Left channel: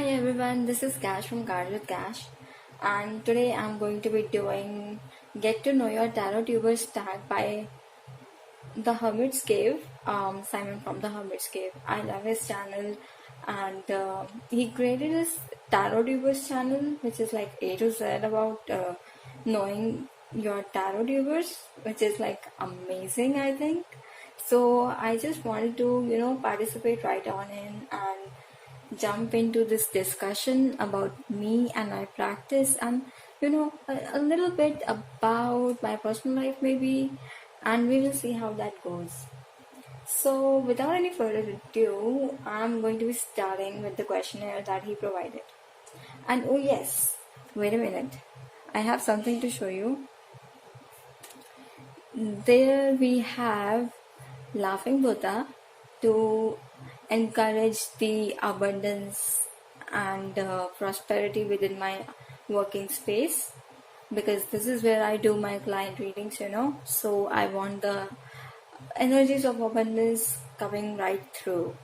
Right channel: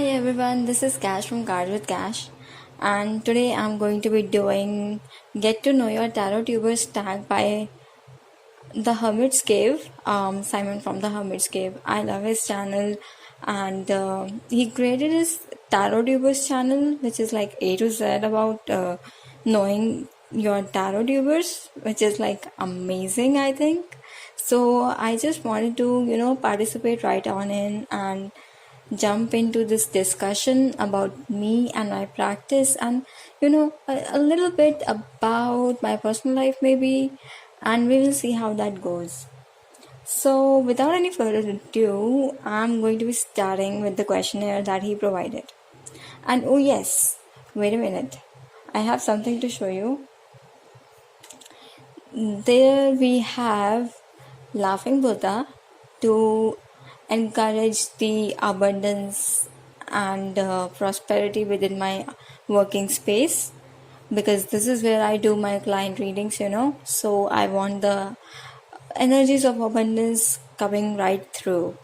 Hi everyone, this is Cash from Cards with Cash, and today I'm going to be doing Get to Know Your Tarot Tubers tag by the Hermit's Cave, Simon from the Hermit's Cave. I love his channel, and he created his Tarot Tubers channel, which is like A to Z about knowing your tarot tubers, which is like amazing, I think. So I just wanted to, participate right on in and jump into this discussion about me and my practice and a little bit about my personal life maybe, and we will see how that goes. So without any further ado, I'm going to be starting with the questionnaire that he provided. And oh yes, wait a minute, I have something to show you. There we have laughing Buddha to encourage the abundance and prosperity within my working space, because this is where I do my client readings. So I want the energies of abundance coming right through.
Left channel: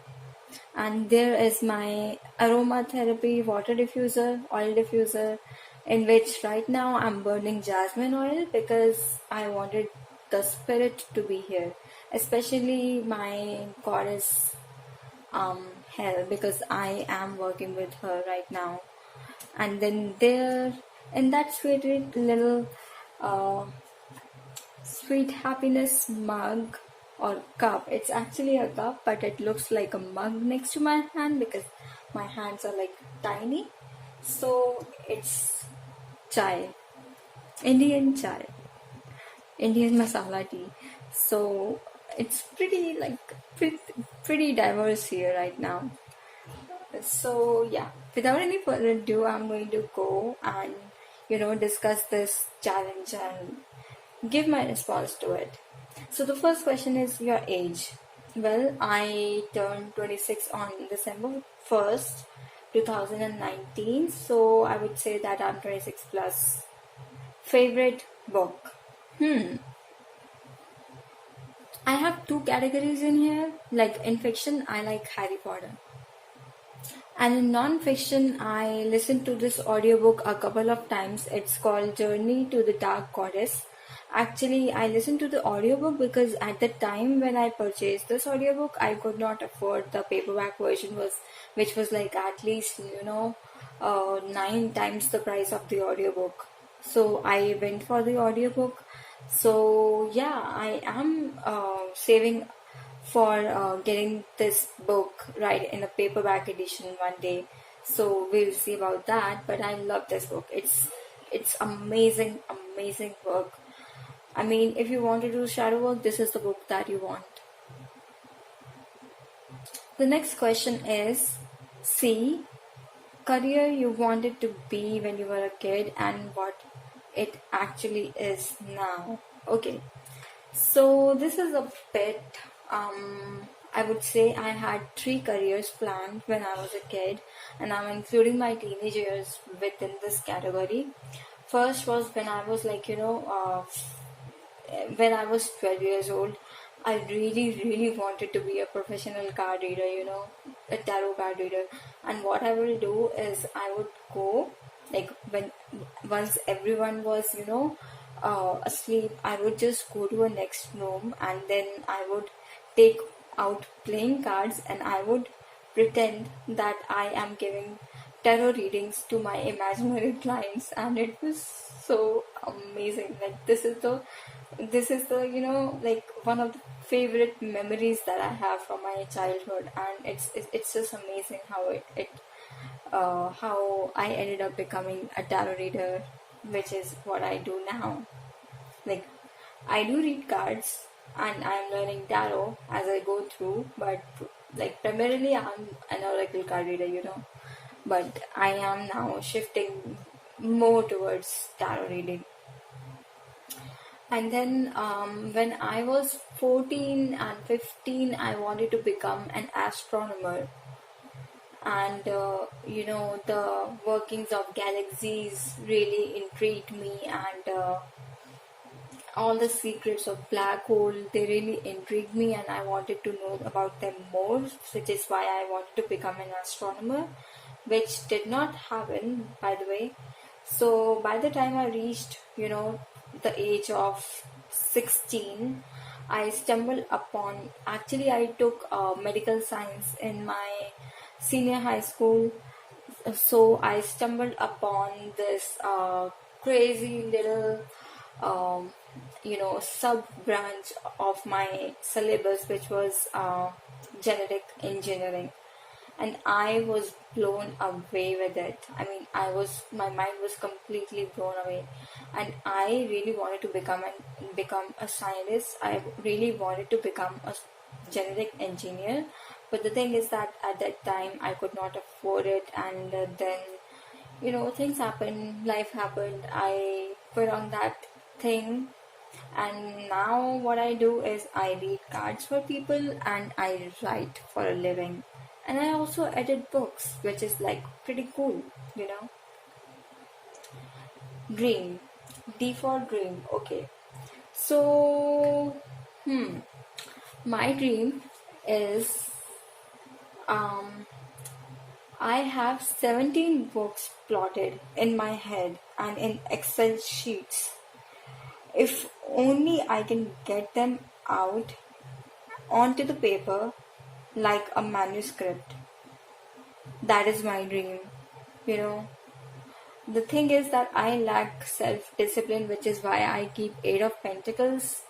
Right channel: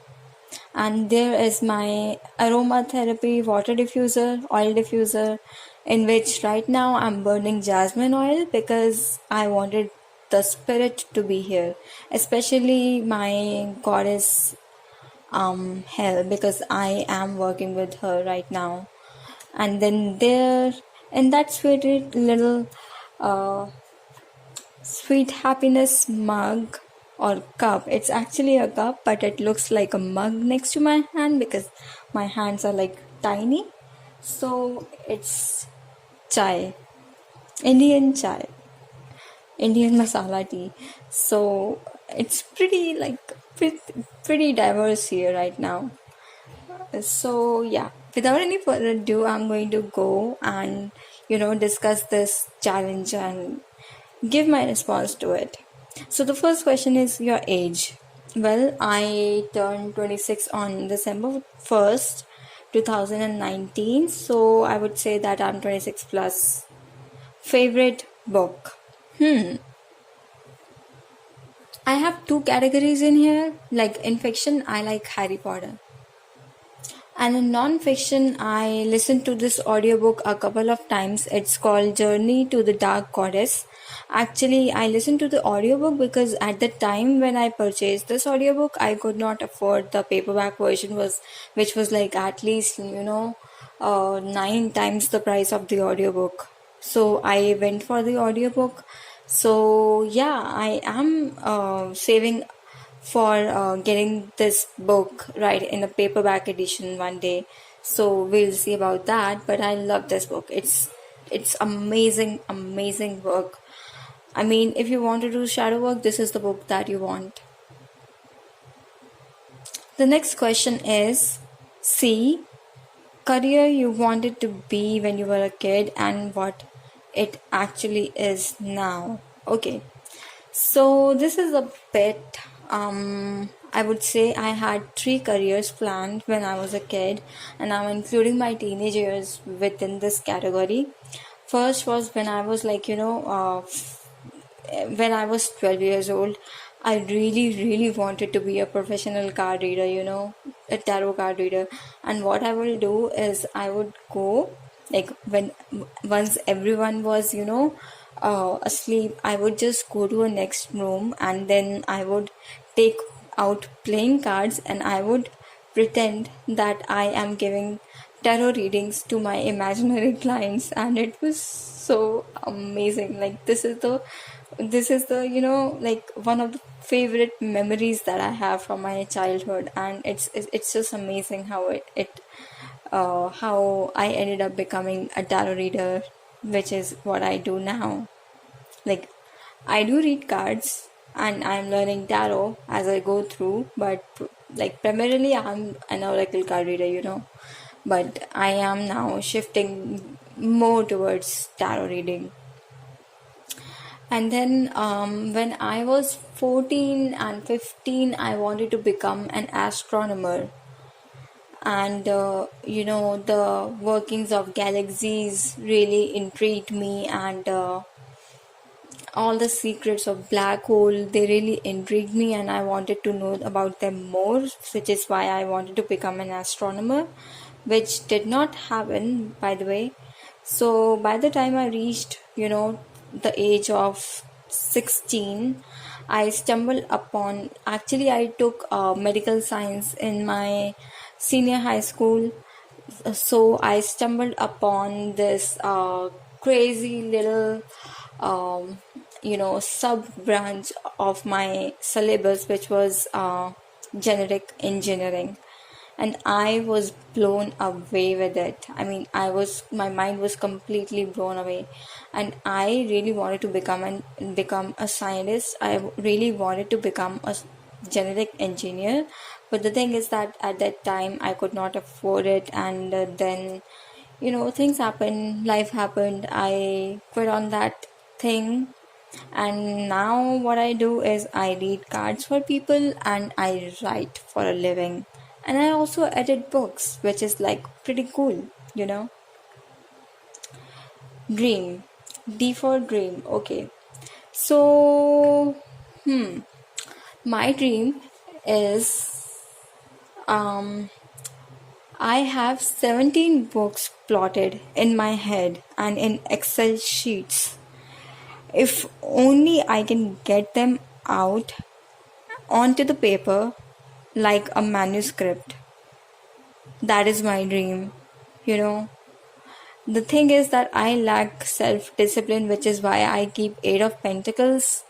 And there is my aromatherapy water diffuser, oil diffuser, in which right now I'm burning jasmine oil because I wanted the spirit to be here, especially my goddess Hell, because I am working with her right now. And then there in that sweet little uh, sweet happiness mug or cup. It's actually a cup, but it looks like a mug next to my hand because my hands are like tiny. So it's chai, Indian chai, Indian masala tea. So it's pretty diverse here right now. So yeah, without any further ado, I'm going to go and discuss this challenge and give my response to it. So the first question is your age. Well, I turned 26 on December 1st, 2019. So I would say that I'm 26 plus. Favorite book. I have two categories in here. Like in fiction, I like Harry Potter. And in non-fiction, I listened to this audiobook a couple of times. It's called Journey to the Dark Goddess. Actually, I listened to the audiobook because at the time when I purchased this audiobook, I could not afford the paperback version, which was like at least, 9 times the price of the audiobook. So I went for the audiobook. So yeah, I am saving for getting this book right in a paperback edition one day. So we'll see about that. But I love this book. It's amazing work. I mean, if you want to do shadow work, this is the book that you want. The next question is C, career you wanted to be when you were a kid and what it actually is now. Okay, so this is a bit I would say I had 3 careers planned when I was a kid, and I'm including my teenage years within this category. First was when I was when I was 12 years old. I really wanted to be a professional card reader, a tarot card reader. And what I will do is I would go, like, when once everyone was, asleep, I would just go to a next room and then I would take out playing cards and I would pretend that I am giving tarot readings to my imaginary clients, and it was so amazing. Like, this is the like one of the favorite memories that I have from my childhood, and it's just amazing how I ended up becoming a tarot reader, which is what I do now. Like, I do read cards and I'm learning tarot as I go through, but like primarily I'm an oracle card reader. But I am now shifting more towards tarot reading. And then when I was 14 and 15, I wanted to become an astronomer. And the workings of galaxies really intrigued me, and all the secrets of black hole, they really intrigued me, and I wanted to know about them more, which is why I wanted to become an astronomer. which did not happen, by the way. So by the time I reached, the age of 16, I stumbled upon, actually, I took medical science in my senior high school. So I stumbled upon this crazy little sub branch of my syllabus, which was generic engineering, and I was blown away with it. I mean, my mind was completely blown away, and I really wanted to become a scientist. I really wanted to become a genetic engineer, but the thing is that at that time I could not afford it, and then things happened, life happened, I quit on that thing. And now what I do is I read cards for people and I write for a living. And I also edit books, which is like pretty cool, you know. Dream. D for dream. Okay. So, my dream is um I have 17 books plotted in my head and in Excel sheets. If only I can get them out onto the paper like a manuscript. That is my dream. You know, the thing is that I lack self discipline, which is why I keep Eight of Pentacles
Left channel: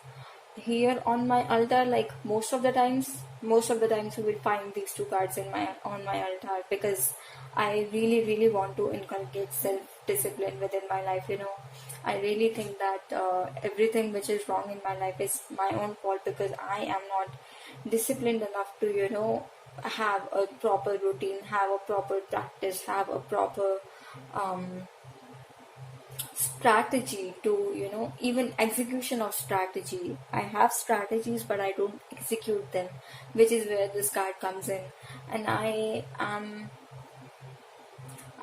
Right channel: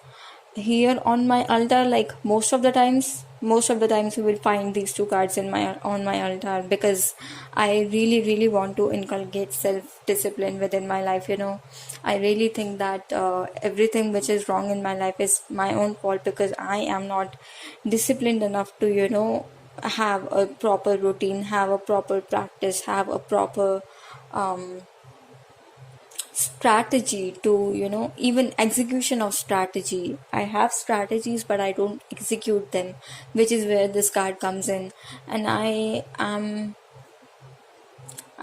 here on my altar. Like most of the times you will find these two cards in my on my altar, because I really want to inculcate self discipline within my life. I really think that everything which is wrong in my life is my own fault, because I am not disciplined enough to have a proper routine, have a proper practice, have a proper um, strategy to even execution of strategy. I have strategies but I don't execute them, which is where this card comes in. And I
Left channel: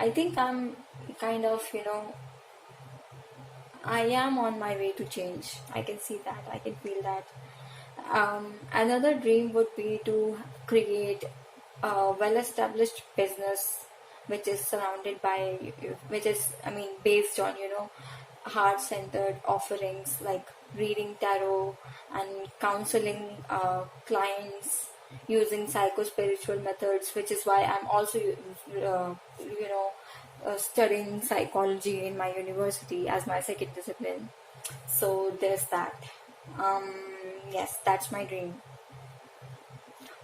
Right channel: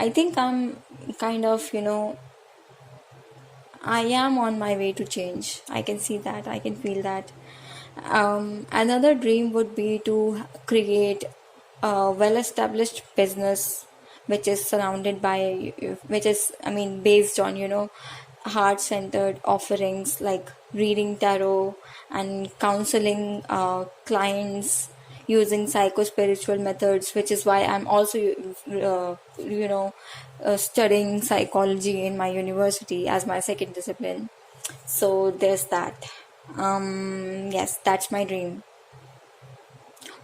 think I'm kind of I am on my way to change. I can see that, I can feel that. Another dream would be to create a well-established business which is surrounded by, which is, I mean, based on, heart-centered offerings like reading tarot and counseling clients using psycho-spiritual methods, which is why I'm also, studying psychology in my university as my second discipline. So there's that. Yes, that's my dream.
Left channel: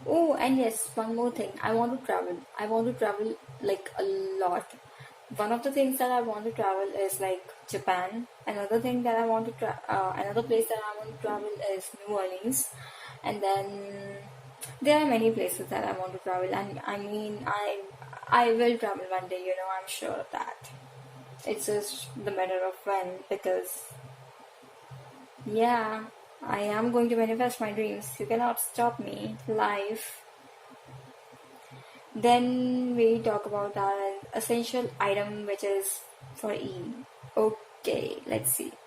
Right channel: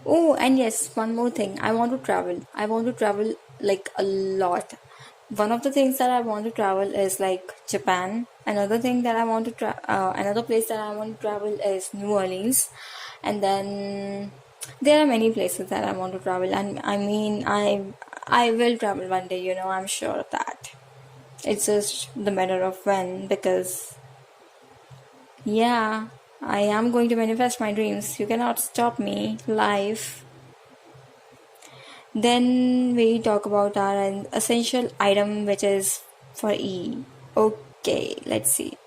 Oh, and yes, one more thing. I want to travel. I want to travel like a lot. One of the things that I want to travel is like Japan. Another place that I want to travel is New Orleans. And then there are many places that I want to travel. And I mean, I will travel one day, I'm sure of that. It's just the matter of when, because yeah, I am going to manifest my dreams. You cannot stop me. Life. Then we talk about our essential item, which is for E. Okay, let's see.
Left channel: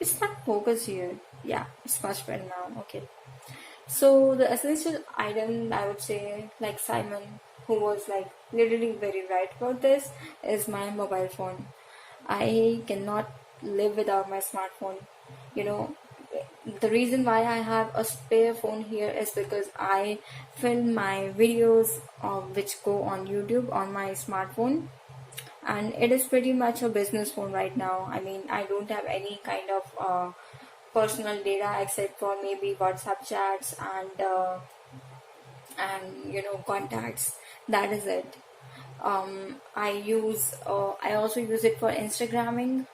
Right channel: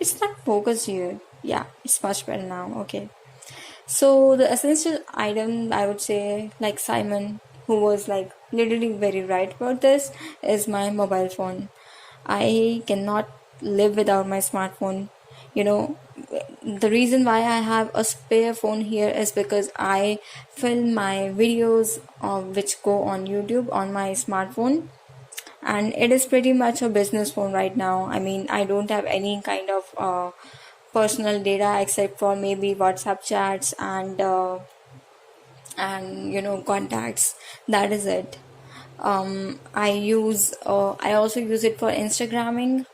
It's not focused here. Yeah, it's much better now. Okay. So the essential item, I would say, like Simon, who was like literally very right about this, is my mobile phone. I cannot live without my smartphone. You know, the reason why I have a spare phone here is because I film my videos which go on YouTube on my smartphone, and it is pretty much a business phone right now. I mean, I don't have any kind of personal data except for maybe WhatsApp chats and contacts. That is it. I also use it for Instagramming.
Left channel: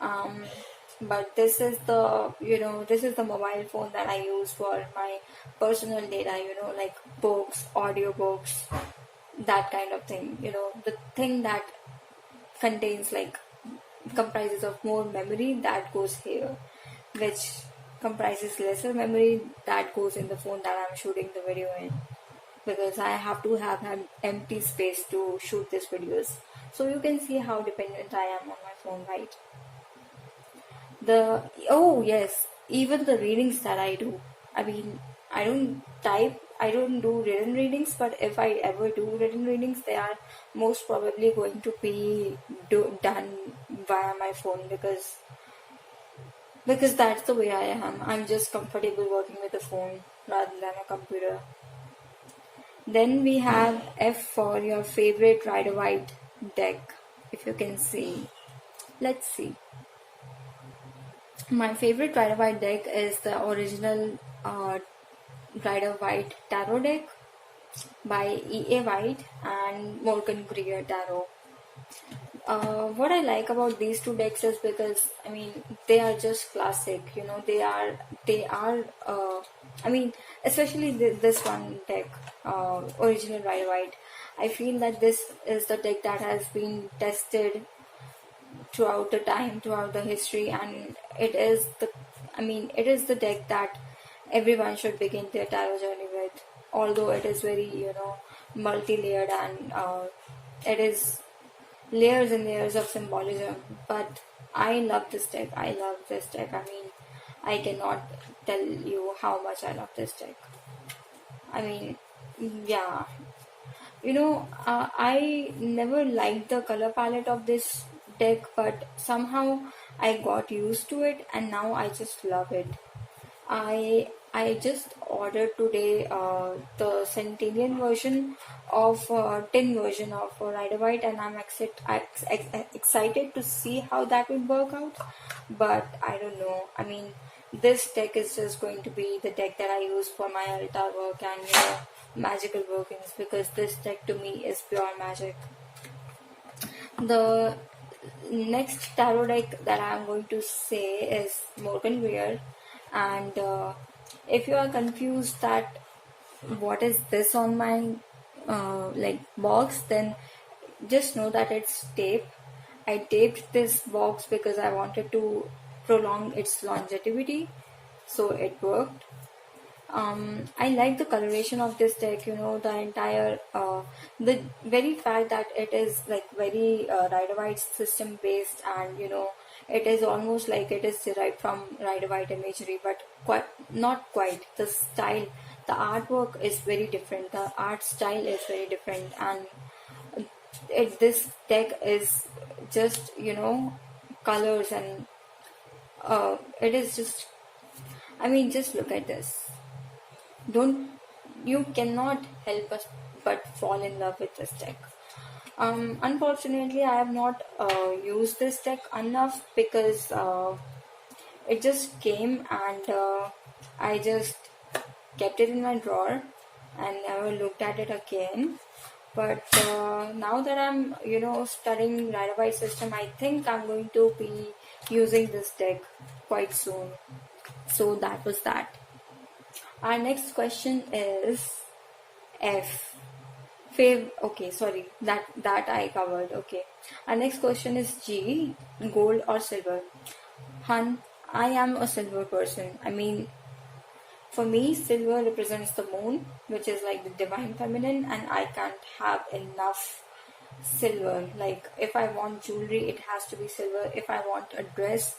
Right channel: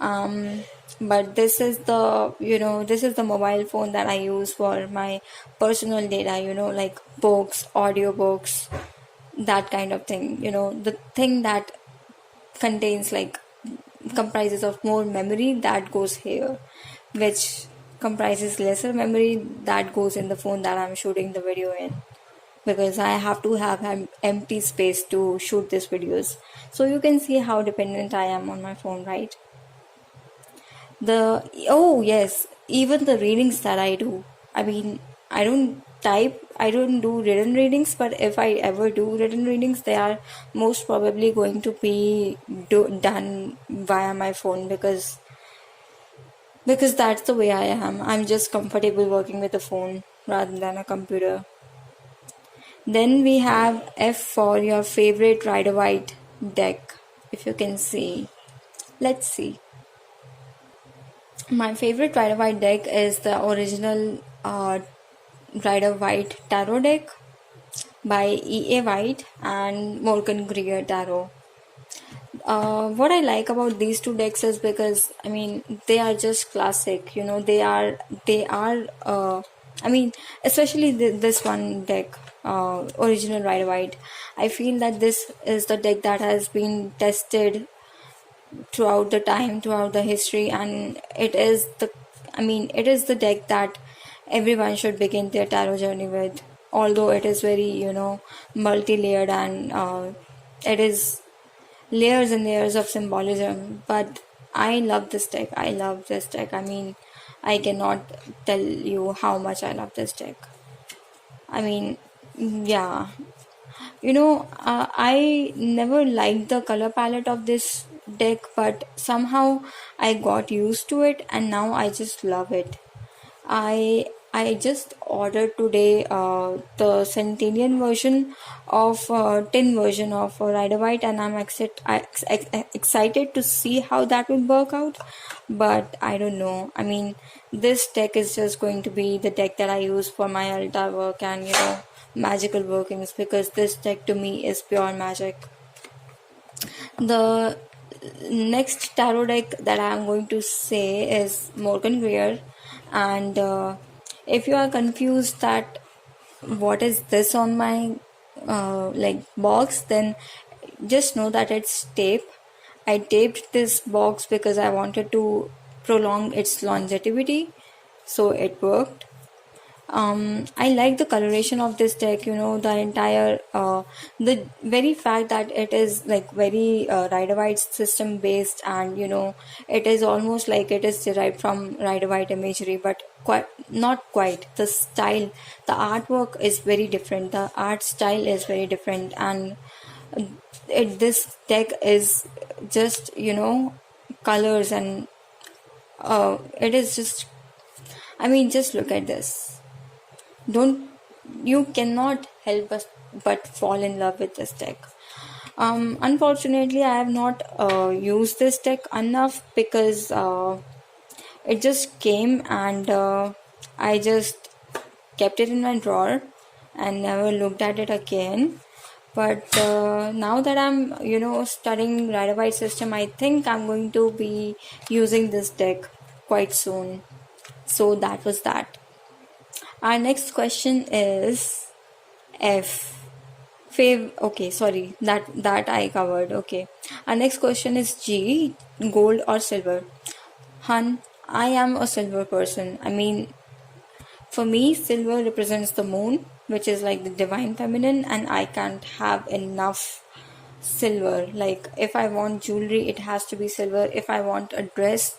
um, but this is the mobile phone that I use for my personal data, like books, audiobooks, that kind of thing, the thing that contains like comprises of more memory, that goes here, which comprises lesser memory, that goes in the phone that I'm shooting the video in, because I have to have an empty space to shoot these videos. So you can see how dependent I am on my phone, right? The Oh yes, even the readings that I do, I mean, I don't type, I don't do written readings, but if I ever do written readings, they are most probably going to be done via my phone, because that's the way I am. I'm just comfortable working with a phone rather than a computer. Then we have F for your favorite Rider White deck, if you can see. Let's see. My favorite Rider White deck is the original Rider White Tarot deck by E.A. White and Morgan Greer Tarot. What I like about these two decks is because I mean they are just classic. You know, they are. I mean, especially this one deck, original Rider White. I feel that this is the deck that has been tested throughout the time, throughout the history, and it is the deck that everyone should begin their tarot journey with. Although it is very, multi-layered, and it is layers and layers of symbolism, but I love this deck. I mean, I cannot tell you how much I love this deck. I mean, yeah. I never liked the color palette of this deck, but somehow I got used to it, and now I just love it. I just ordered today the Centennial version of tin version of Rider White, and excited to see how that will work out. But I don't know. I mean, this deck is just going to be the deck that I use for my altar work and magical workings, because this deck to me is pure magic. The next tarot deck that I'm going to say is Morgan Greer, and if you are confused that what is this on my box, then just know that it's tape. I taped this box because I wanted to prolong its longevity, so it worked. I like the coloration of this deck, the entire, the very fact that it is like very Rider White system based, and it is almost like it is derived from Rider White imagery, but quite not quite. The style, the artwork is very different, the art style is very different, and this deck is just, colors, and it is just, I mean, just look at this. Don't You cannot help but fall in love with this deck. Unfortunately, I have not used this deck enough, because it just came, and I just kept it in my drawer and never looked at it again. But now that I'm studying Rider White system, I think I'm going to be using this deck quite soon. So that was that. Our next question is F. Okay, sorry, that I covered. Okay. Our next question is G. Gold or silver? Hun, I am a silver person. I mean, for me, silver represents the moon, which is like the divine feminine, and I can't have enough silver. Like, if I want jewelry, it has to be silver. If I want a dress,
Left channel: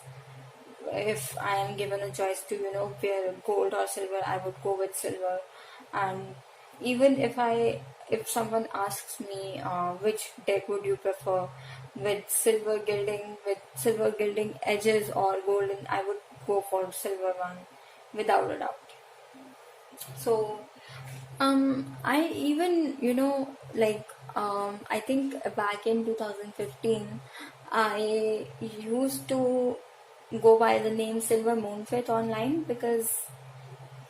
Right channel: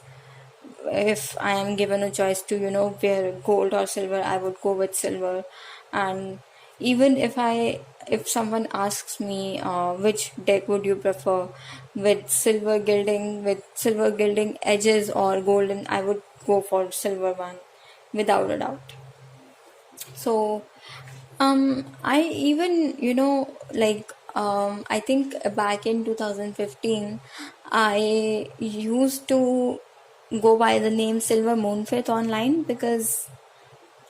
if I am given a choice to wear gold or silver, I would go with silver. And even if someone asks me which deck would you prefer, with silver gilding edges or golden, I would go for silver one without a doubt. So I even I think back in 2015 I used to go by the name Silver Moonfaith online, because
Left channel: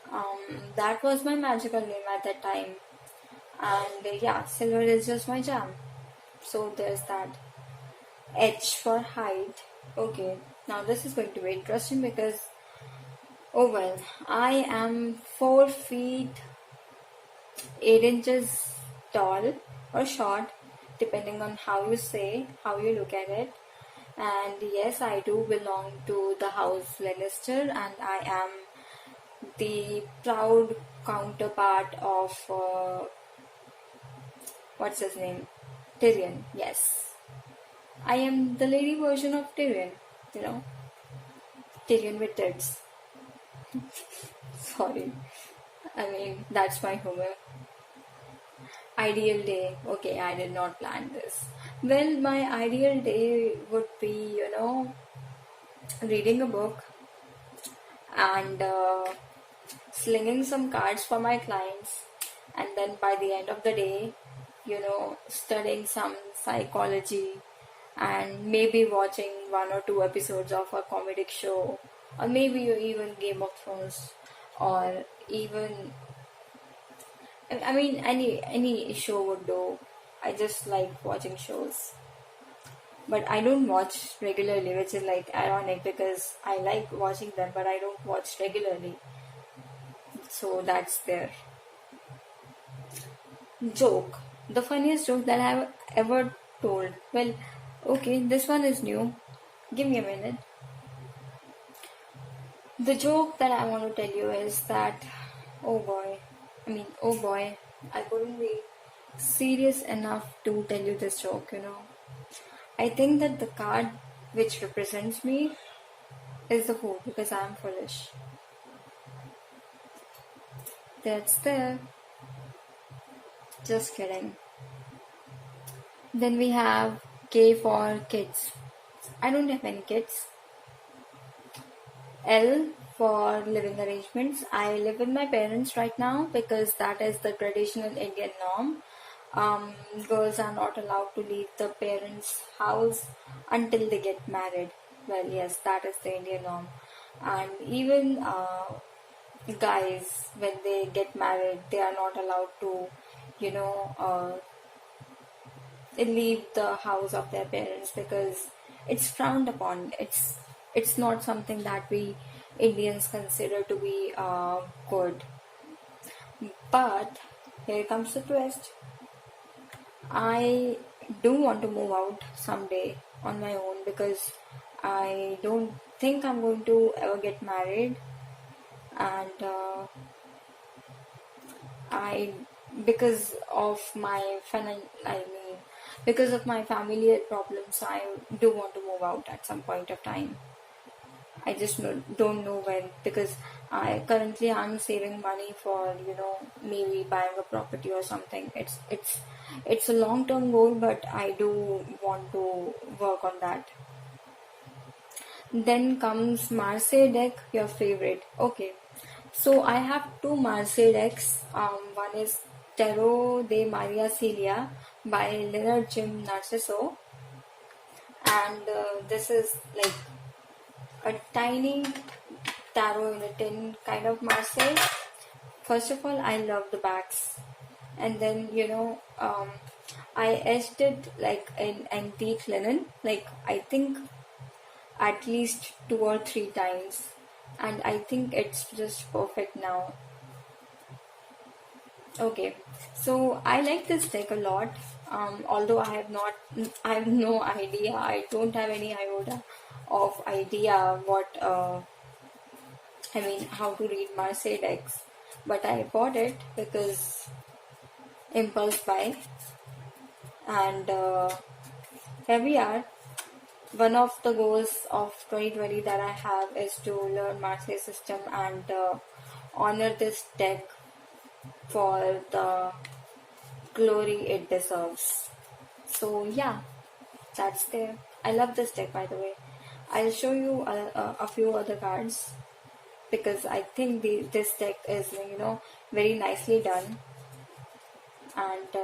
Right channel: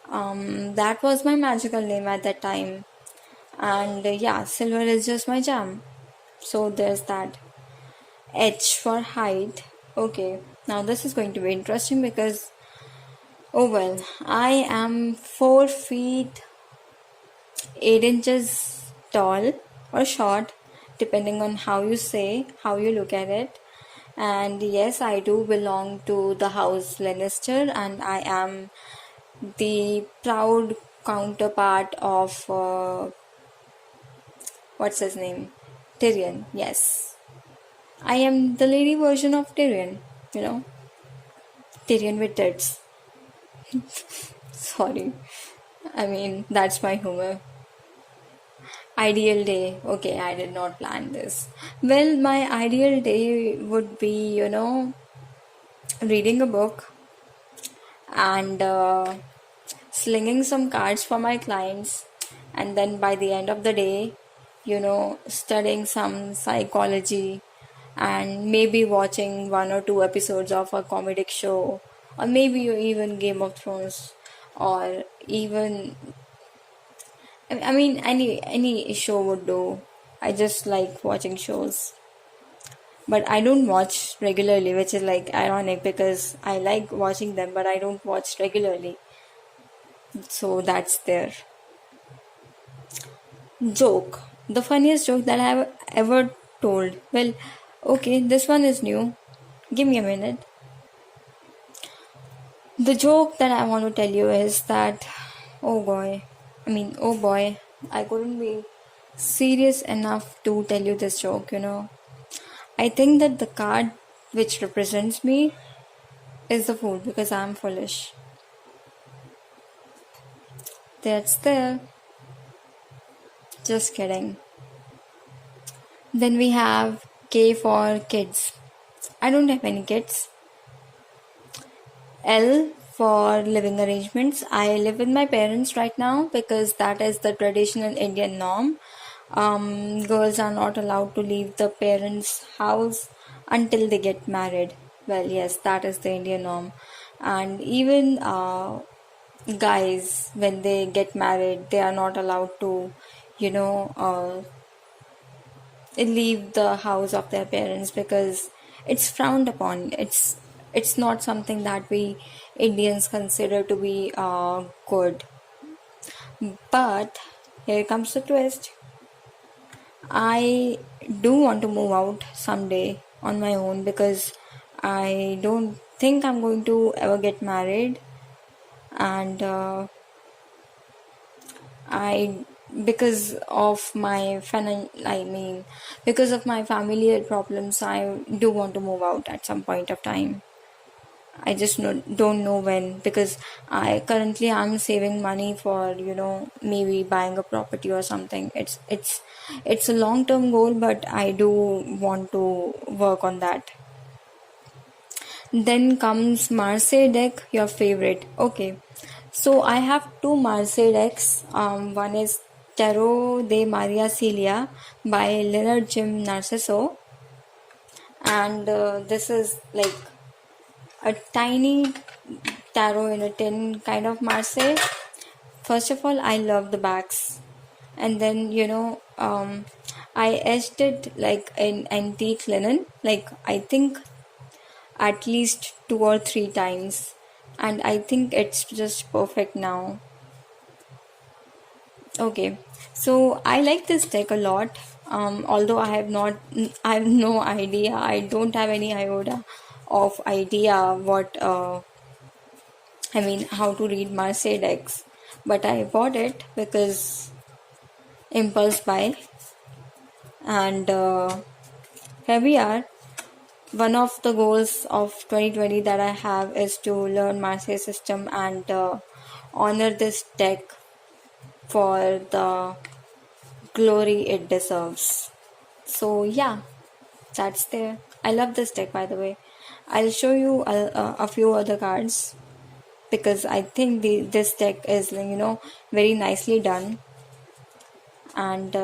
that was my magical name at that time. And yeah, silver is just my jam. So there's that. H for height. Okay, now this is going to be interesting, because oh well, I am 4 feet 8 inches tall or short, depending on how you look at it. And yes, I do belong to the house Lannister, and I am the proud counterpart of what's his name? Tyrion. Yes, I am the lady version of Tyrion, you know, Tyrion with tits. Sorry. I mean, that's my humor. Ideal day. Okay, I did not plan this. Well, my ideal day would be, reading a book and slinging some cards for my clients, and then by the end of the day, studying some psychology and maybe watching one or two episodes of a comedic show, or maybe even Game of Thrones, or even I mean any show would do. I just like watching shows, but I don't watch regularly, which is like ironic because I like watching them, but I don't watch regularly. So that's there. Joke. The funniest joke that I have ever told. Well, okay, this one is new. Give me a minute. The joke that I want to tell you is that, oh boy, I couldn't be serious enough to tell you this joke. I think that the card which represents me is the fool because I'm foolish. That's there. Just kidding. Then we have K for kids. I don't have any kids. L for living arrangements. I live with my parents right now because that is the traditional Indian norm. Girls are not allowed to leave the parents' house until they get married. Well, yes, that is the Indian norm. And even guys, when they get married, they are not allowed to, you know, leave the house of their parents because it's frowned upon. It's not something that we Indians consider to be good. But here comes the twist. I do want to move out someday on my own because I don't think I'm going to ever get married, and I because of my because of my familiar problems, I do want to move out at some point of time. I just don't know when because I currently am saving money for maybe buying a property or something. It's a long term goal, but I do want to work on that. Then comes Marseille deck, your favorite. Okay, so I have two Marseille decks. One is Tarot de Maria Celia by Leonard Jim Narciso, and this is like a tiny tarot in a tin kind of Marseille. First of all, I love the backs, and then I etched it like in antique linen, like I think at least 2 or 3 times, and I think it's just perfect now. Okay, so I like this deck a lot. Although I have no idea. I don't have any iota of idea what how to read Marseille decks, but I bought it because impulse buy, and here we are. One of the goals of 2020 that I have is to learn Marseille system and honor this deck for the glory it deserves. So yeah, that's there. I love this deck, by the way. I'll show you a few other cards because I think this deck is very nicely done, and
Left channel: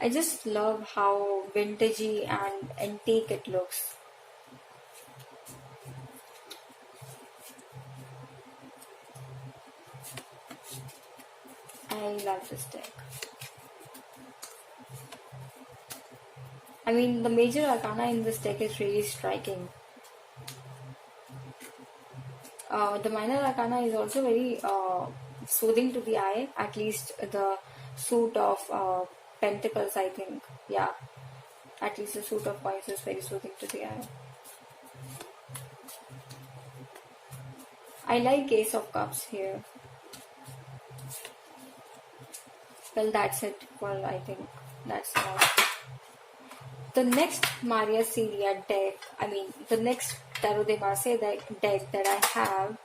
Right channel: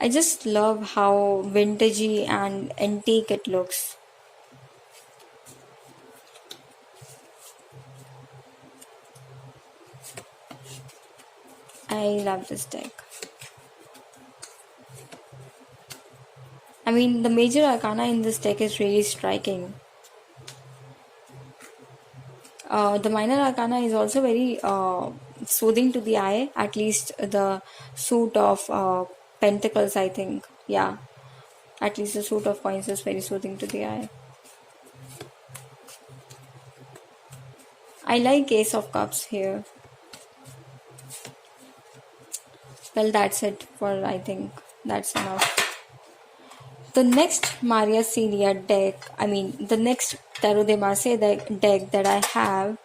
I just love how vintagey and antique it looks. I love this deck. I mean, the major arcana in this deck is really striking. The minor arcana is also very soothing to the eye, at least the suit of pentacles, I think. Yeah, at least the suit of coins is very soothing to the eye. I like Ace of Cups here. Well, that's it for, I think that's enough. The next Maria Celia deck, the next Tarot de Marseille deck that I have,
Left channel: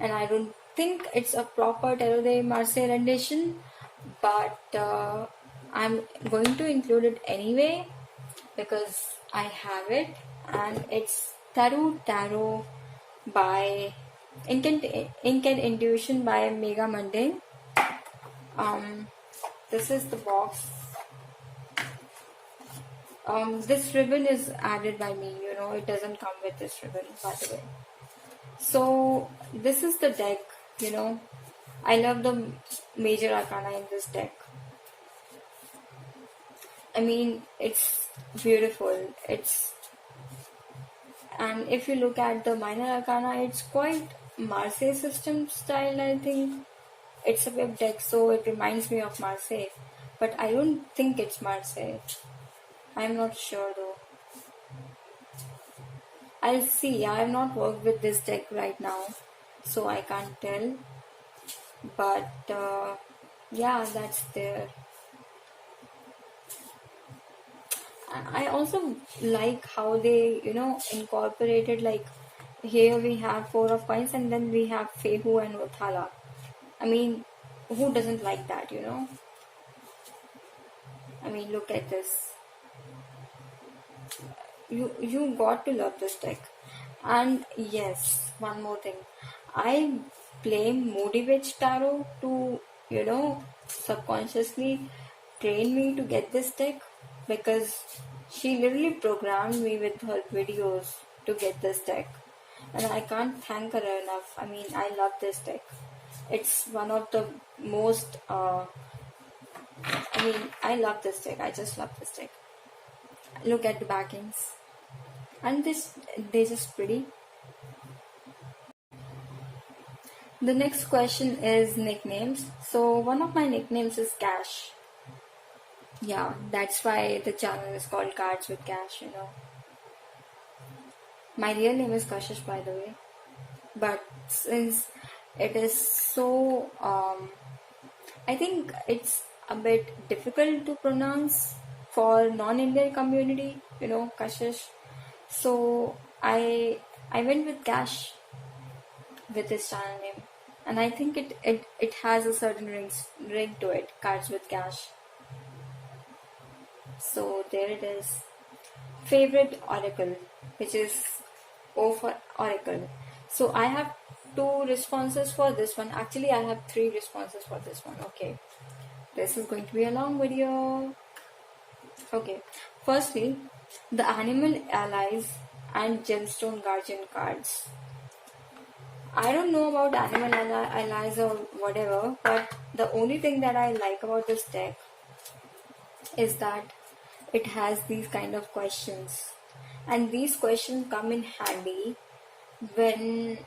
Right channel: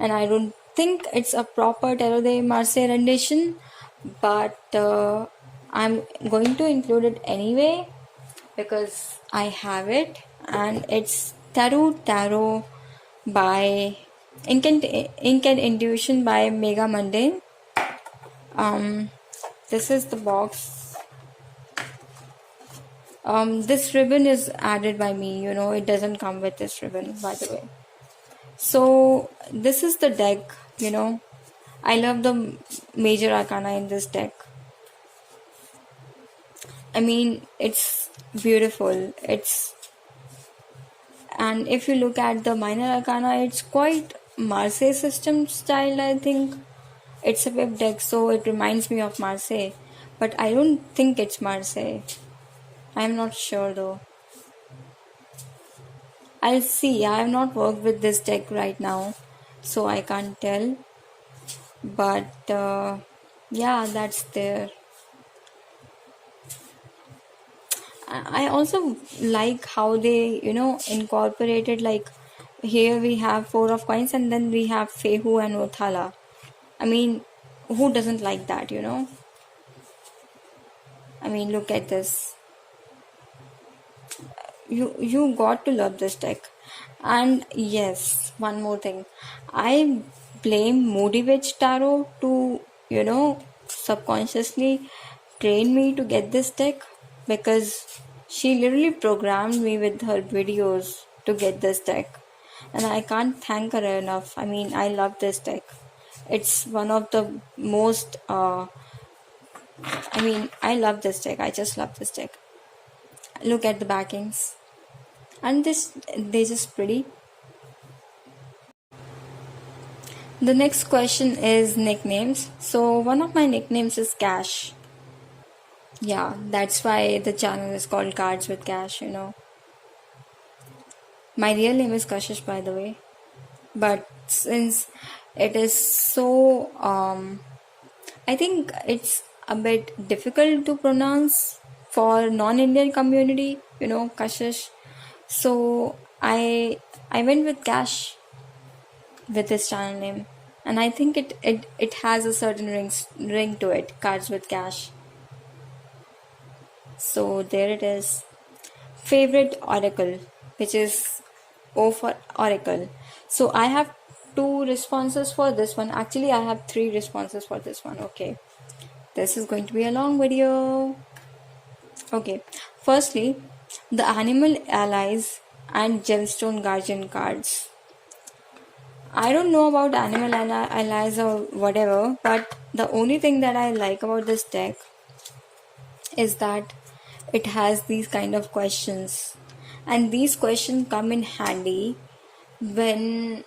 and I don't think it's a proper Tarot de Marseille rendition, but I'm going to include it anyway because I have it, and it's Tarot by Ink and Intuition by Mega Mundane. Um, this is the box. This ribbon is added by me, it doesn't come with this ribbon, by the way. So this is the deck, you know. I love the major arcana in this deck. I mean, it's beautiful. And if you look at the minor arcana, it's quite Marseille system style, I think. It's a web deck, so it reminds me of Marseille. But I don't think it's Marseille. I'm not sure though. I'll see. I have not worked with this deck right now, so I can't tell. But yeah, that's there. I also like how they, incorporated, like, here we have four of coins and then we have Fehu and Othala. I mean, who doesn't like that? I mean, look at this. You got to love this deck. And yes, one more thing. I blame Moody Witch Tarot to, subconsciously train me to get this deck, because she literally programmed me with her videos to get this deck. And I can't thank her enough. I mean, I love this deck. It's one of the most, I love this deck. I just love this deck. Look at the backings. And they're just pretty. The next question is nicknames. So one of my nicknames is Cash. Yeah, that's why the channel is called Cards with Cash. My real name is Kashish, by the way. But since it is so, I think it's a bit difficult to pronounce for non-Indian community, Kashish. So I went with Cash with this channel name, and I think it has a certain ring to it. Cards with Cash. So there it is. Favorite oracle, which is O for oracle. So I have two responses for this one. Actually, I have three responses for this one. Okay, this is going to be a long video. Okay, firstly, the animal allies and gemstone guardian cards. I don't know about animal allies or whatever, but the only thing that I like about this deck is that it has these kind of questions, and these questions come in handy when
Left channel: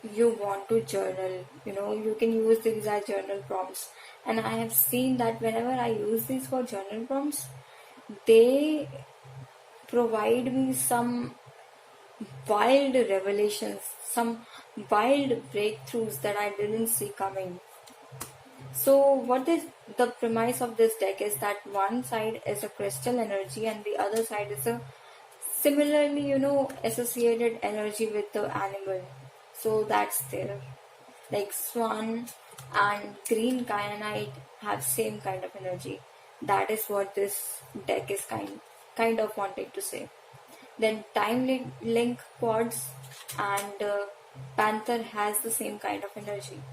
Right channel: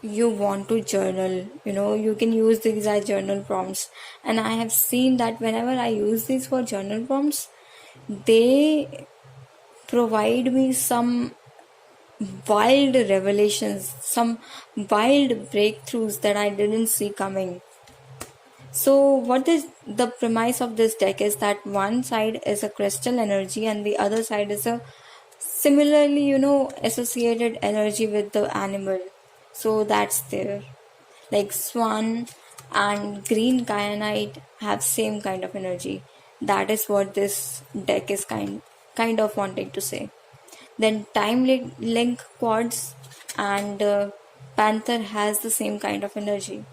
you want to journal. You can use these as journal prompts, and I have seen that whenever I use these for journal prompts, they provide me some wild revelations, some wild breakthroughs that I didn't see coming. So what is the premise of this deck is that one side is a crystal energy and the other side is a similarly, associated energy with the animal. So that's there. Like swan and green kyanite have same kind of energy. That is what this deck is kind of wanting to say. Then time link quartz and panther has the same kind of energy.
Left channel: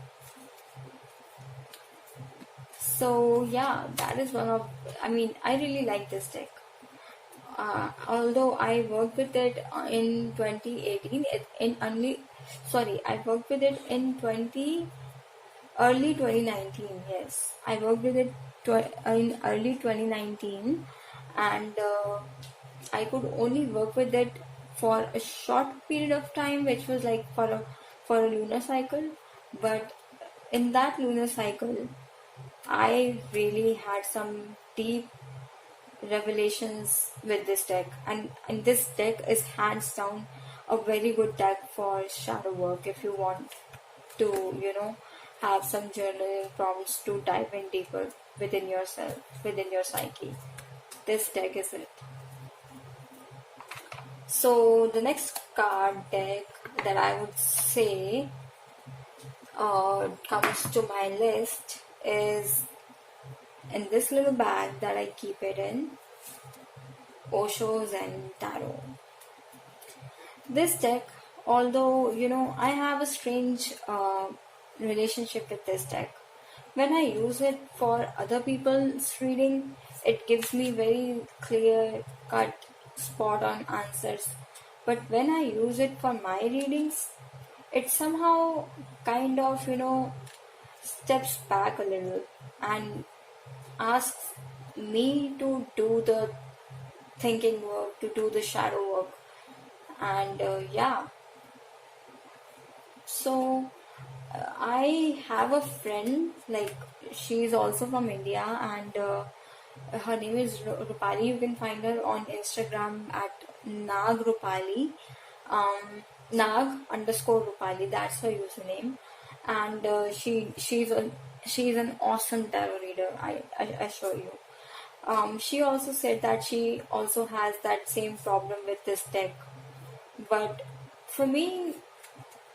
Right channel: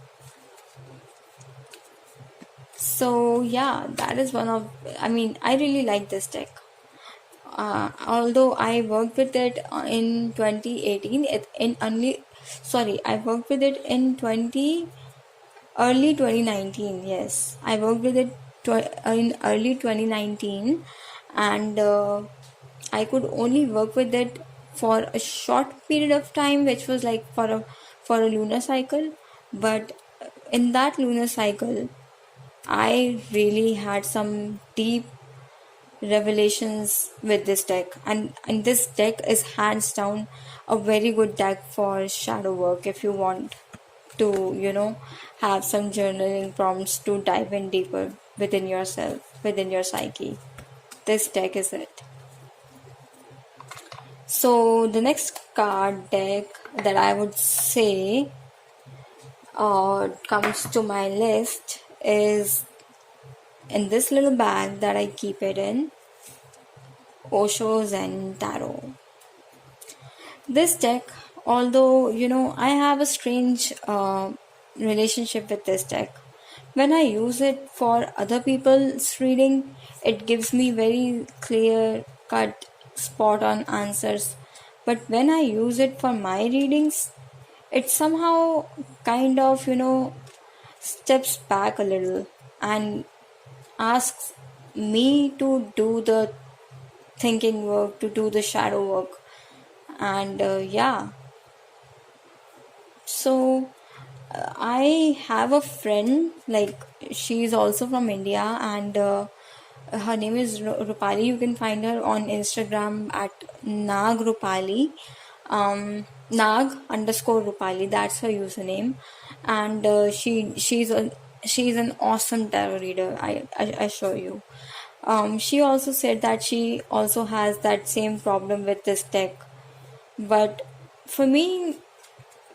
So yeah, that is one of, I really like this deck. Although I worked with it in 2018, I worked with it in early 2019. Yes, I worked with it in early 2019, and I could only work with it for a short period of time, which was like for a lunar cycle. But in that lunar cycle, I really had some deep revelations with this deck, and this deck is hands down a very good deck for shadow work if you want to have some journaling prompts to dive in deeper within yourself, within your psyche. This deck is it. So the next card deck that I would say, comes to my list is in this little bag that I keep it in, Osho's and Tarot. This deck, although I have a strange relationship with this deck. When I use it for other people's reading, it gives me very clear cut, spot on answers. But when I use it for my readings, it somehow kind of steps back a little and asks me to do the thinking work, to do the shadow work. And yeah, so I have a friend, like she's also from India, and her name is Rupali. You can find her on Instagram at Nag Rupali, Nag underscore Rupali. That's her username, and she's an awesome tarot reader. I assure you. She also said that she also has that same problem with this deck, but for me,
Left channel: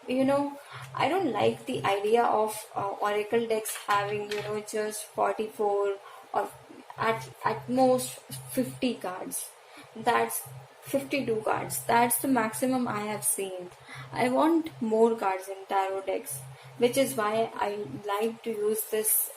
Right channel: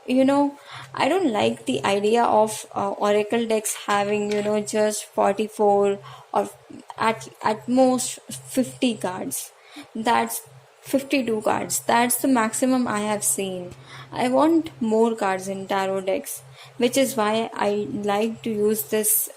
I don't like the idea of oracle decks having just 44 or at most 50 cards. That's 52 cards. That's the maximum I have seen. I want more cards in tarot decks, which is why I like to use this.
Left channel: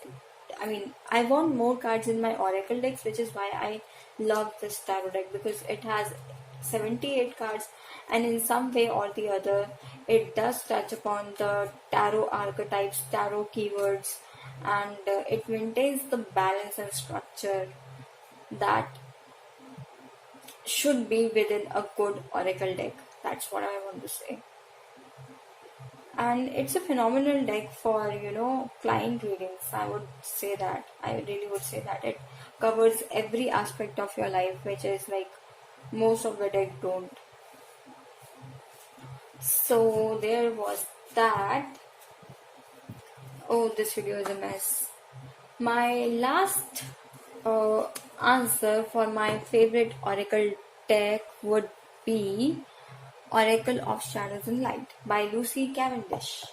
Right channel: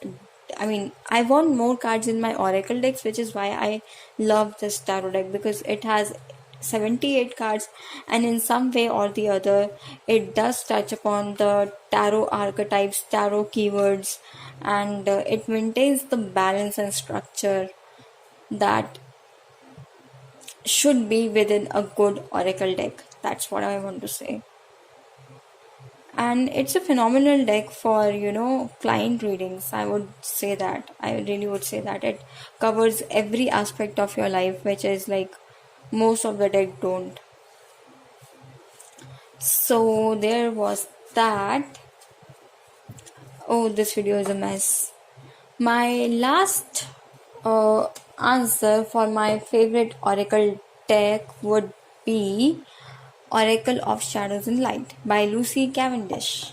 I mean, I want more cards in my oracle decks, which is why I love this tarot deck, because it has 78 cards, and in some way or the other it does touch upon the tarot archetypes, tarot keywords, and it maintains the balance and structure that should be within a good oracle deck. That's what I want to say. And it's a phenomenal deck for client readings. I would say that, I really would say that it covers every aspect of your life, which is like most of the deck don't. So there was that. Oh, this video is a mess. My last answer for my favorite oracle deck would be Oracle of Shadows and Light by Lucy Cavendish.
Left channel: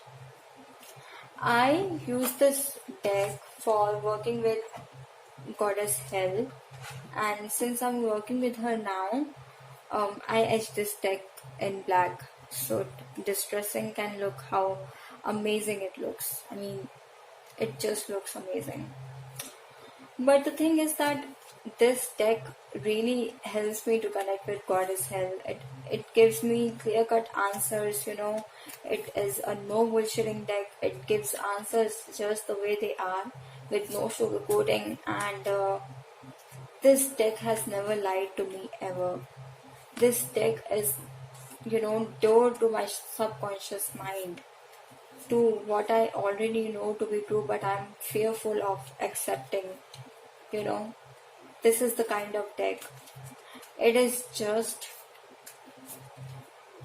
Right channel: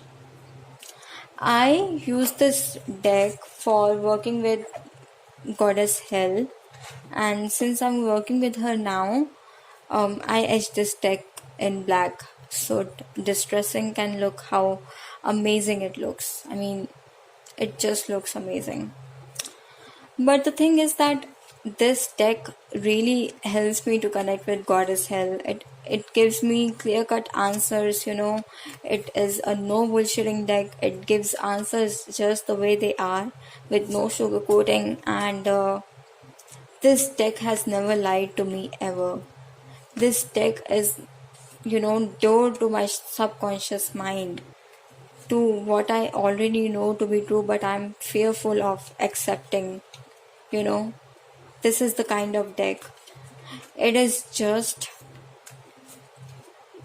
I use this deck for working with Goddess Hell, and since I'm working with her now, I etch this deck in black so distressing can look how amazing it looks. I mean, it just looks amazing. But the thing is that this deck really helps me to connect with Goddess Hell. It gives me clear cut answers. It is a no bullshitting deck. It gives answers just the way they are, with no sugarcoating, and this deck has never lied to me ever. This deck is door to my subconscious mind, to what I already know to be true, but I'm fearful of accepting. This is the kind of deck. It is just,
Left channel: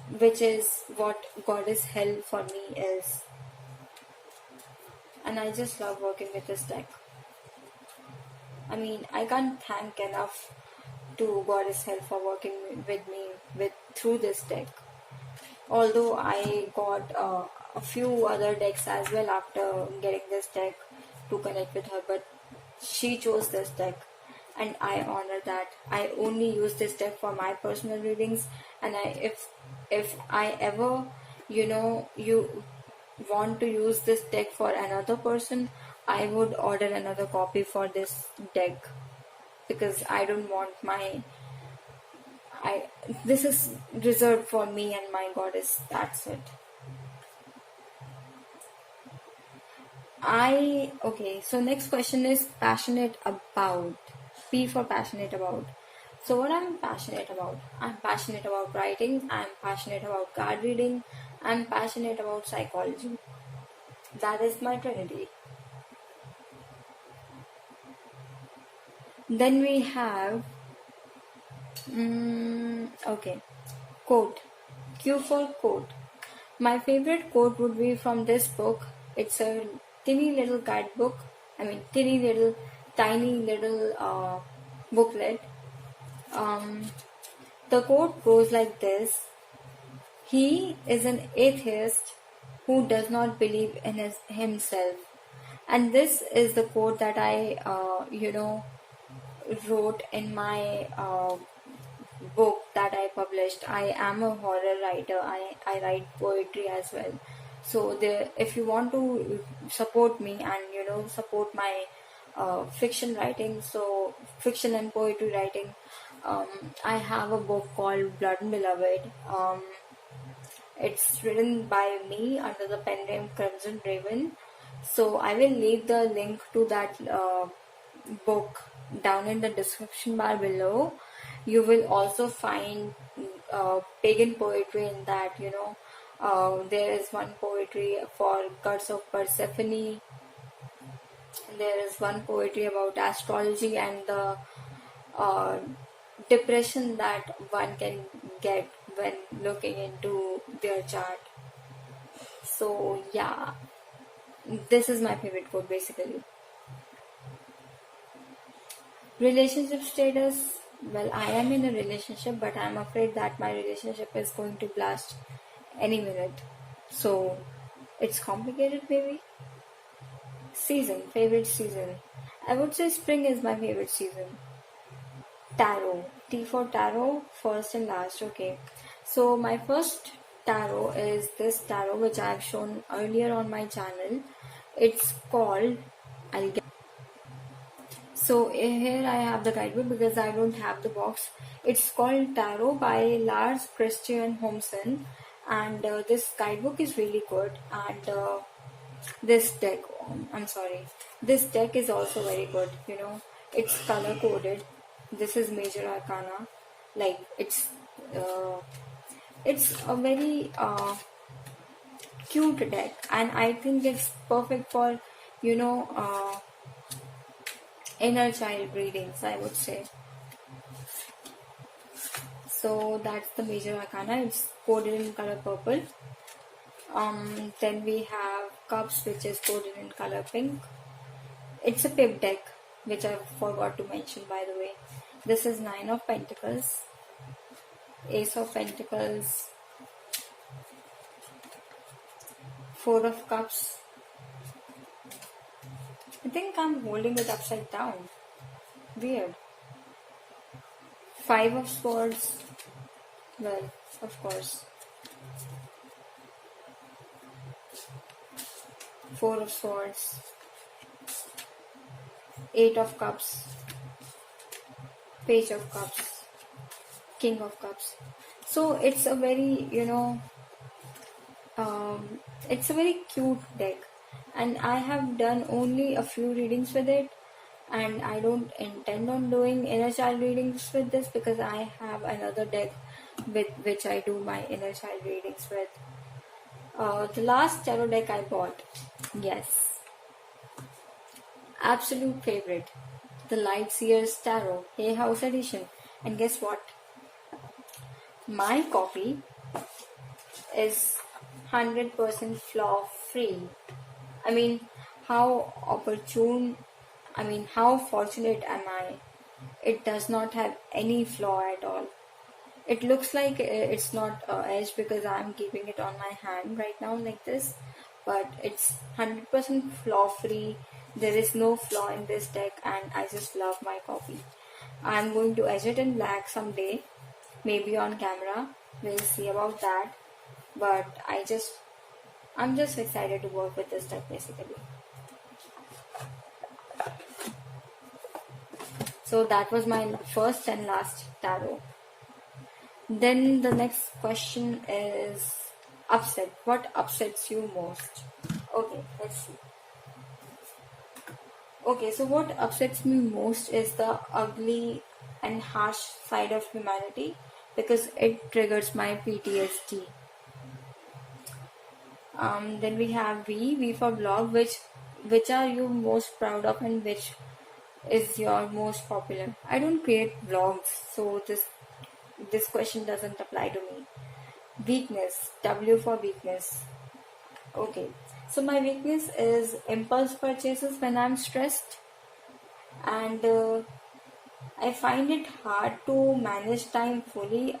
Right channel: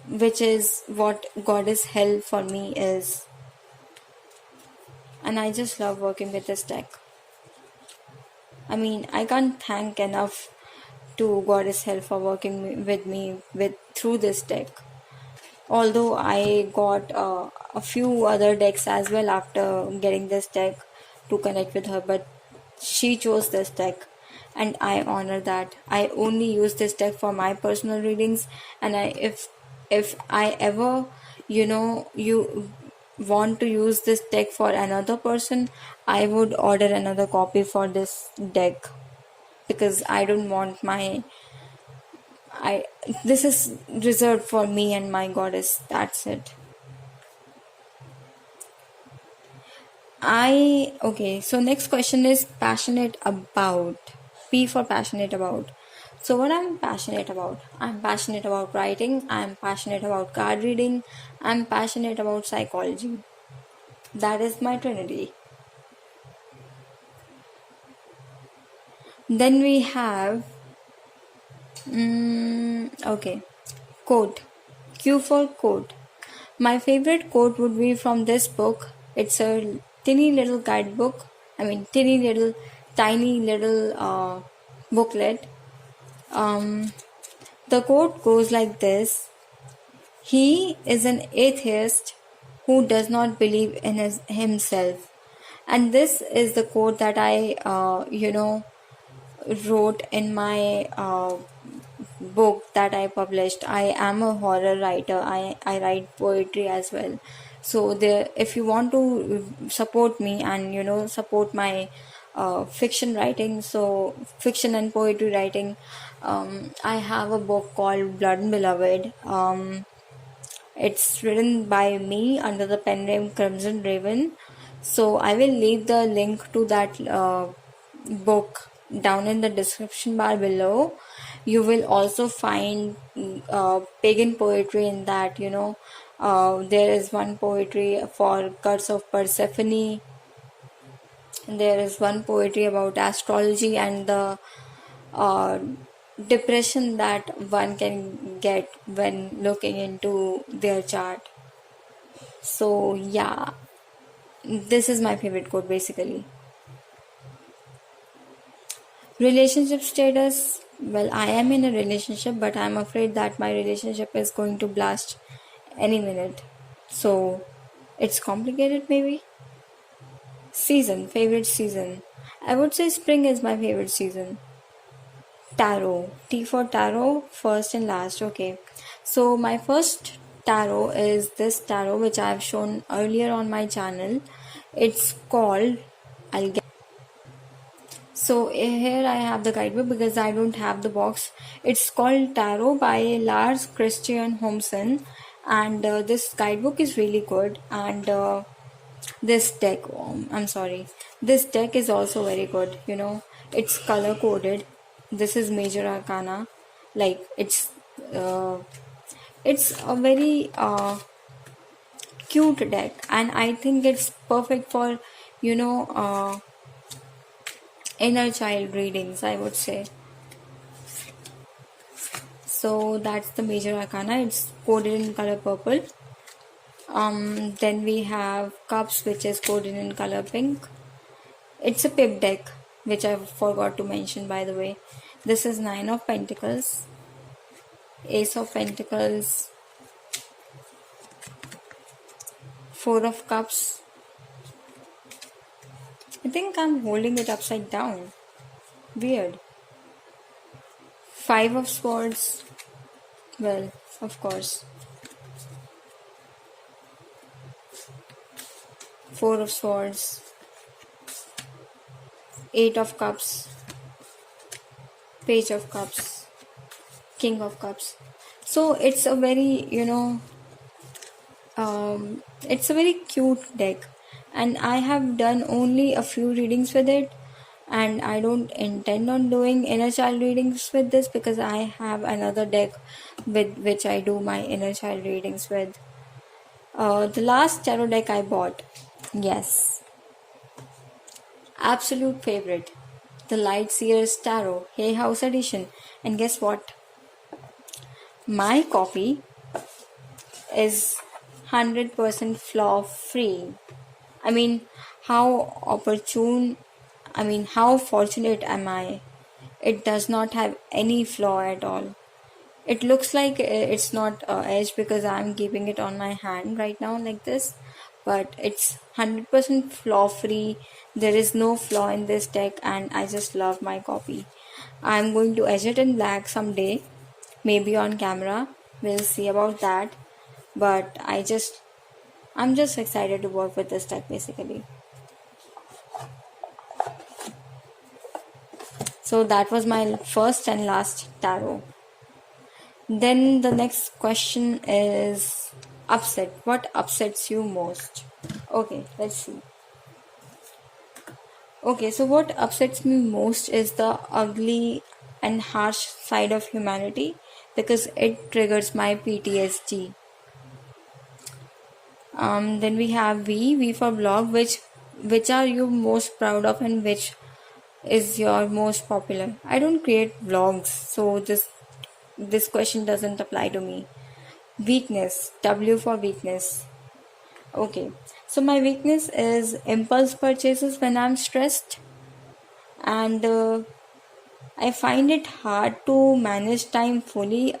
which is what Goddess Hell for me is. And I just love working with this deck. I mean, I can't thank enough to Goddess Hell for working with me through this deck. Although I got a few other decks as well after getting this deck to connect with her, but she chose this deck, and I honor that. I only use this deck for my personal readings, and if I ever you want to use this deck for another person, I would order another copy for this deck, because I don't want this is reserved for me and my goddess. That's it. Okay, so next question is passionate about. P for passionate about. So what I'm passionate about? I'm passionate about writing, I'm passionate about card reading, I'm passionate about psychology. That is my trinity. Then we have okay, quote. Q for quote. My favorite quote would be from this book. It's a tiny little guidebook. I mean, tiny little booklet. The quote goes like this: He is an atheist who does not believe in himself. And this is the quote that I, wrote in my book that I published. I am a horror writer. I write poetry as well. So there, if you want to support me and support my fiction writing, so fiction and poetry writing, I have a book called Blood and Beloved. It's written by me under the pen name Crimson Raven. So I will leave the link to that book down in the description bar below. You will also find pagan poetry in that. There is one poetry for Curse of Persephone. There is one poetry about astrology and the uh, depression that one can get when looking into their chart. So, yeah, this is my favorite quote basically. Relationship status. Well, I am in a relationship, but I'm afraid that my relationship is going to blast any minute. So, it's complicated maybe. Season. Favorite season. I would say spring is my favorite season. Tarot. T for tarot, first and last. Okay. So my first tarot is this tarot which I have shown earlier on my channel. It's called, I'll get. So here I have the guidebook because I don't have the box. It's called Tarot by Lars Christian Homsen, and this guidebook is really good. And this deck, I'm sorry, this deck is also very good. It's color coded. This is major arcana. Like uh, it's a very cute deck, and I think it's perfect for you know uh, inner child readings, I would say. So that's the major arcana. It's coded in color purple. Then we have cups, which is coded in color pink. It's a pip deck, which I forgot to mention, by the way. This is Nine of Pentacles, Ace of Pentacles, Four of Cups. I think I'm holding it upside down. Weird. Five of Swords. Well, of course. Four of Swords. Eight of Cups. Page of Cups. King of Cups. So it's a very, it's a very cute deck, and I have done only a few readings with it, and I don't intend on doing inner child readings with this because I have another deck with which I do my inner child readings with. The last tarot deck I bought, yes, absolute favorite, the Light Seers Tarot Hay House Edition. And guess what? My copy is 100% flaw free. I mean, how fortunate am I? It does not have any flaw at all. It looks like it's not edged because I'm keeping it on my hand right now like this, but it's 100% flaw free. There is no flaw in this deck, and I just love my copy. I'm going to edge it in black someday, maybe on camera. We'll see about that. But I'm just excited to work with this deck basically. So that was my first and last tarot. Then the next question is upset. What upsets you most? Okay, let's see. Okay, so what upsets me most is the ugly and harsh side of humanity because it triggers my PTSD. Then we have V for blog. Which are you most proud of, and which is your most popular? I don't create vlogs, so this question doesn't apply to me. Weakness. W for weakness. Okay, so my weakness is impulse purchases when I'm stressed, and I find it hard to manage time fully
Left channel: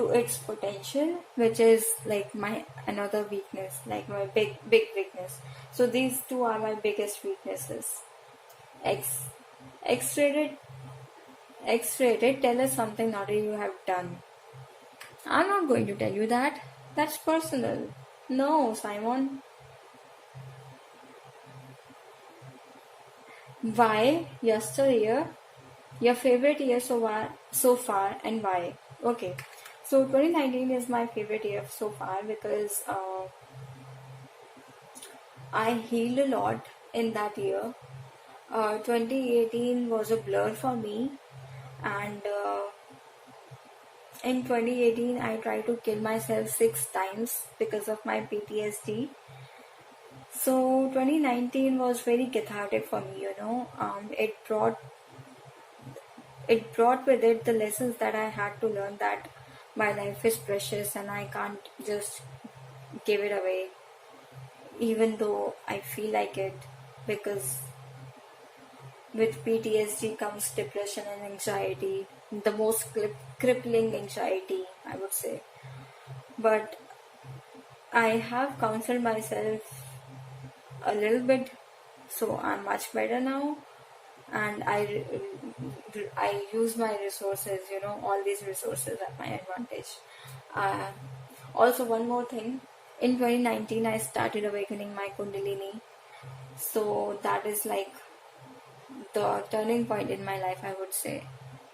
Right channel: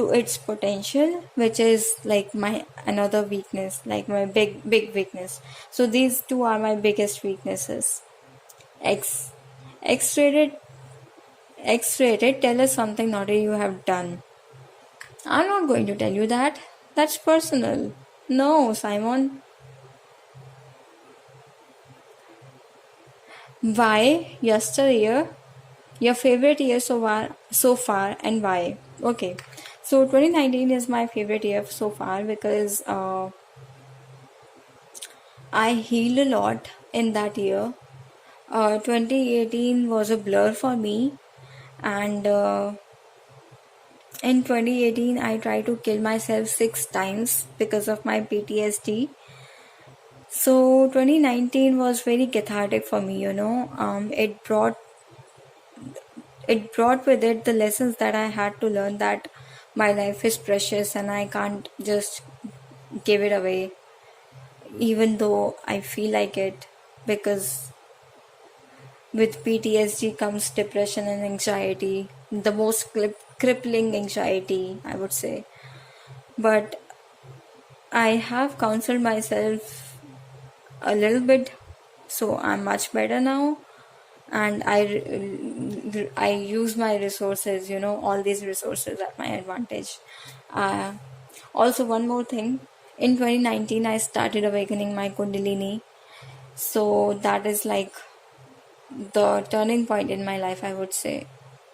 to its potential, which is like my another weakness, like my big weakness. So these two are my biggest weaknesses. X X-rated X-rated, tell us something naughty you have done. I'm not going to tell you that. That's personal. No, Simon. Why yesteryear? Your favorite year so far, and why? Okay, so 2019 is my favorite year so far because I healed a lot in that year. 2018 was a blur for me, and in 2018 I tried to kill myself 6 times because of my PTSD. So 2019 was very cathartic for me, it brought with it the lessons that I had to learn, that my life is precious and I can't just give it away even though I feel like it, because with PTSD comes depression and anxiety, the most crippling anxiety, I would say. But I have counseled myself a little bit, so I'm much better now, and I use my resources, all these resources at my advantage. uh, Also, one more thing, in 2019 I started awakening my kundalini, so that is like the turning point in my life, I would say.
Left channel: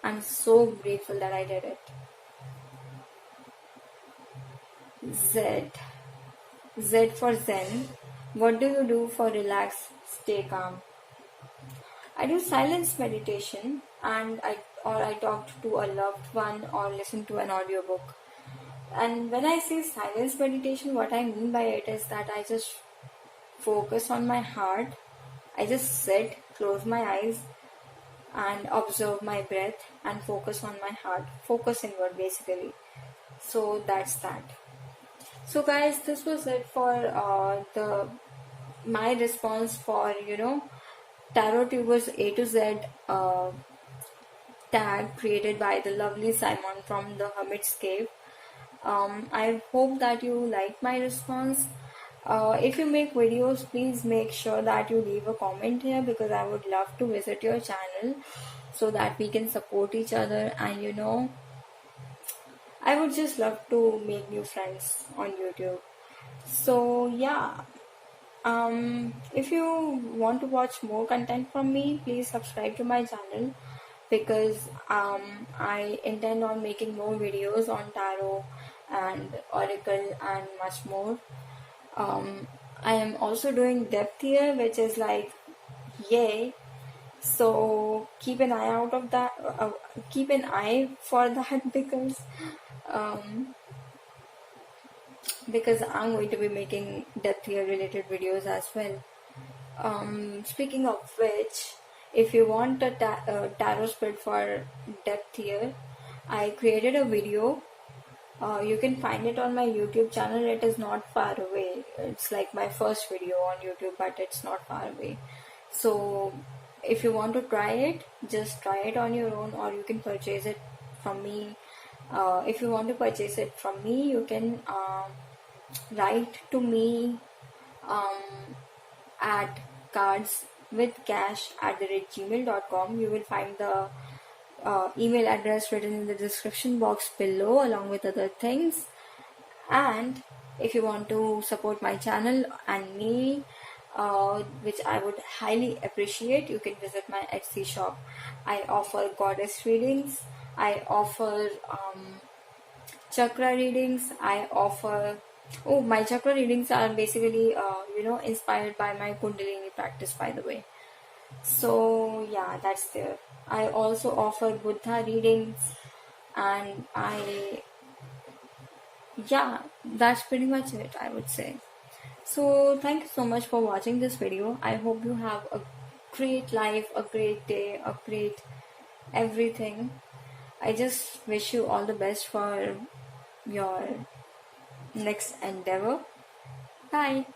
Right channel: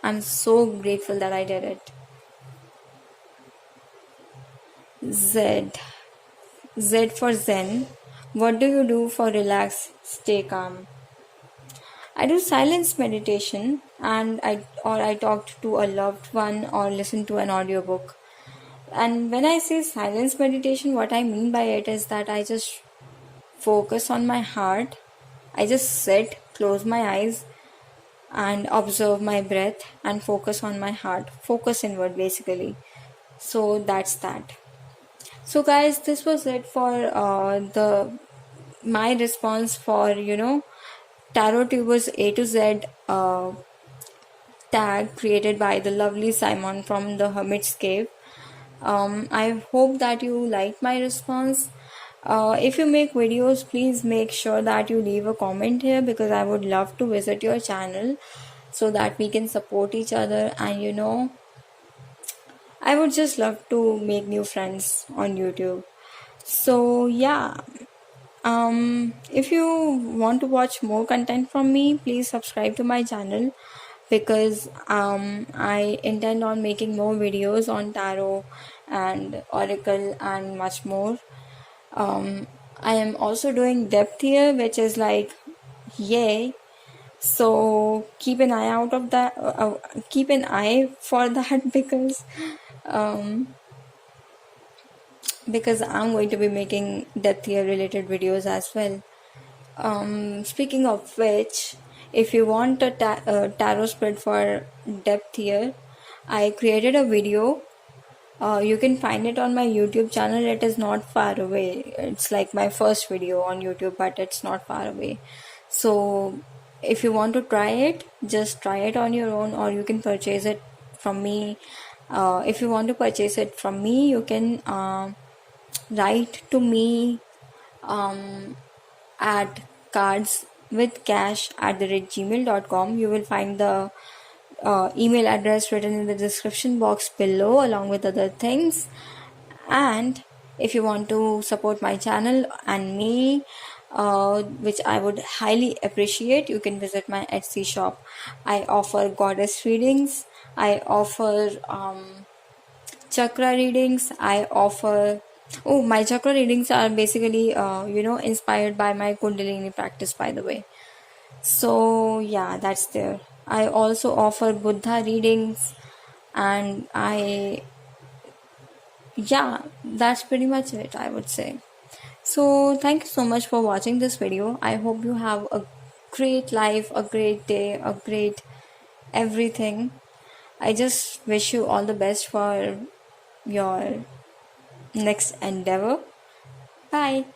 I'm so grateful that I did it. Z Z for Zen. What do you do for relax, stay calm? I do silence meditation, and I talk to a loved one or listen to an audiobook. And when I say silence meditation, what I mean by it is that I just focus on my heart. I just sit, close my eyes, and observe my breath and focus on my heart. Focus inward, basically. So that's that. So, guys, this was it for the my response for Tarot Tubers A to Z tag created by the lovely Simon from the Hermit's Cave. I hope that you like my response. If you make videos, please make sure that you leave a comment here, because I would love to visit your channel so that we can support each other. And I would just love to make new friends on YouTube. So, yeah. If you want to watch more content from me, please subscribe to my channel, because I intend on making more videos on tarot and oracle and much more. I am also doing depth here, which is like yay. So keep an eye out of that. Keep an eye for that because I'm going to be making depth here related videos as well. Speaking of which, if you want a tarot spread for depth here, I created a video. You can find it on my YouTube channel. It is not far away. It's like my first video on YouTube, but it's not far away. So if you want to try it, just try it on your own, or you can purchase it from me. If you want to purchase it from me, you can write to me at cardswithcash@gmail.com. You will find the email address written in the description box below, along with other things. And if you want to support my channel and me, which I would highly appreciate, you can visit my Etsy shop. I offer goddess readings, I offer chakra readings, I offer my chakra readings are basically inspired by my kundalini practice, by the way. So yeah, that's there. I also offer Buddha readings, and that's pretty much it, I would say. So thank you so much for watching this video. I hope you have a great life, a great day, a great everything. I just wish you all the best for your next endeavor. Bye.